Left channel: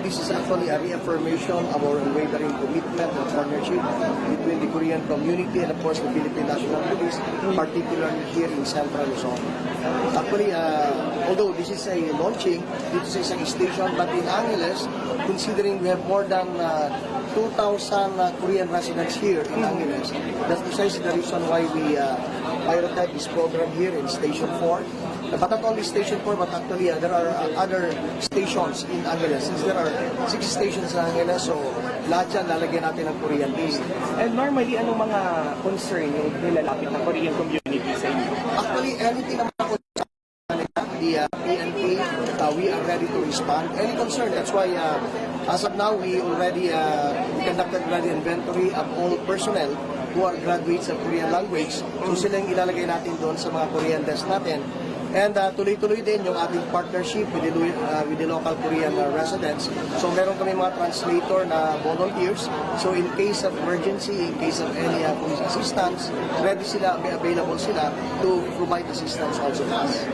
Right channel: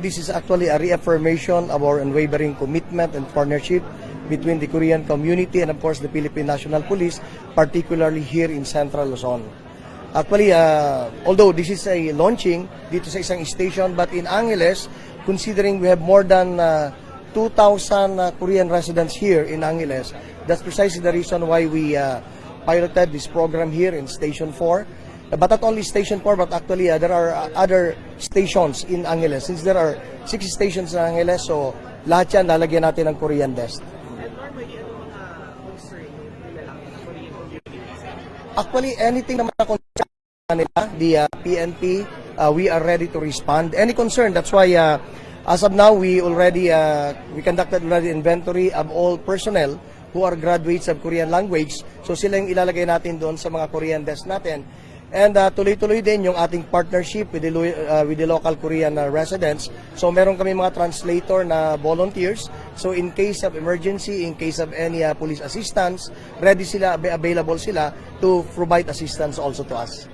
This is actually a reaffirmation of our unwavering commitment and partnership between the Korean community and of course the Philippine National Police, particularly here in Central Luzon. Actually, uh, although this is a launching dito sa isang station, but in Angeles, considering we have more than uh, 2,000 uh, Korean residents here in Angeles, that's precisely the reason why we uh, piloted this program here in Station 4. But not only Station 4, but actually uh, there are uh, other stations in Angeles. Since there are six stations in Angeles, so lahat yan lalagyan natin ng Korean desk. And normally, anong mga concern yung nilalapit ng Korean community sa inyo? Actually, anything na mga concern nila, the uh, PNP, uh, we are ready to respond. Any concern, that's why uh, as of now, we already, uh, we conducted already inventory of all personnel who are graduates of Korean language. So sila yung ilalagay natin doon sa mga Korean desk natin. And uh, tuloy-tuloy din yung ating partnership with the, uh, with the local Korean uh, residents. So meron kami mga translator na volunteers. So in case of emergency, in case of any uh, police assistance, ready sila, available sila to provide assistance also to us.